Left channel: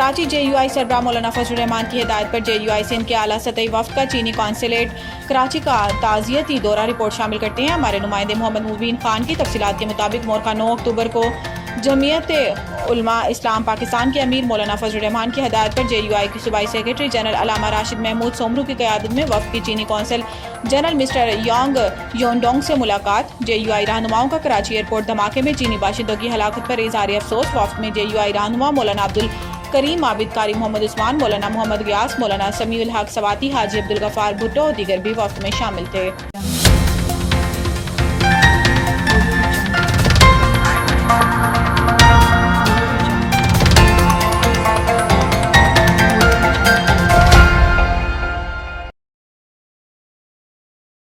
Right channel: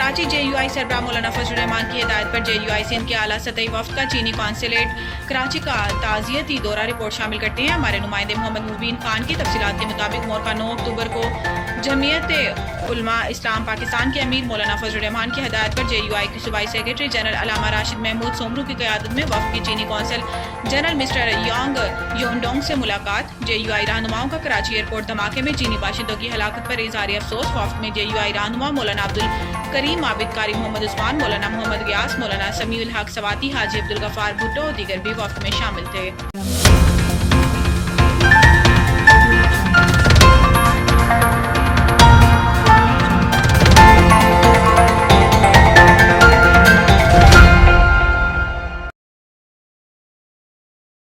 Karachi JUI सरबराह मौलाना फजल रहमान की हिदायत पर JUI सिंध के आला सतही वफ्द का चीनी कौंसलेट कराची का ताज़ियती दौरा रिपोर्ट शामिल करते हैं। हमारे नुमाइंदे मोहम्मद मुबीन खान की तफसीलात के मुताबिक मोरका 9 अक्टूबर को जमीयत उलमा इस्लाम पाकिस्तान के अमीर मौलाना फजल रहमान की हिदायत पर JUI के सूबाई सेक्रेटरी जनरल अलामा राशिद महमूद सोमरू की क़यादत में वफ़द की चीनी कौंसल जनरल मिस्टर यांग योनडोंग से मुलाकात। JUI रहनुमाओं का कराची एयरपोर्ट धमाके में चीनी बाशिंदों की हलाकत पर इज़हार अफसोस। वफ़द में JUI रहनुमा मौलाना अब्दुल करीम आबिद कारी मोहम्मद उस्मान, मौलाना मोहम्मद गियास, मौलाना समीउल हक सवाती, हाजी अब्दुल गफ्फार भुट्टो और दीगर भी वफ़द में शामिल थे।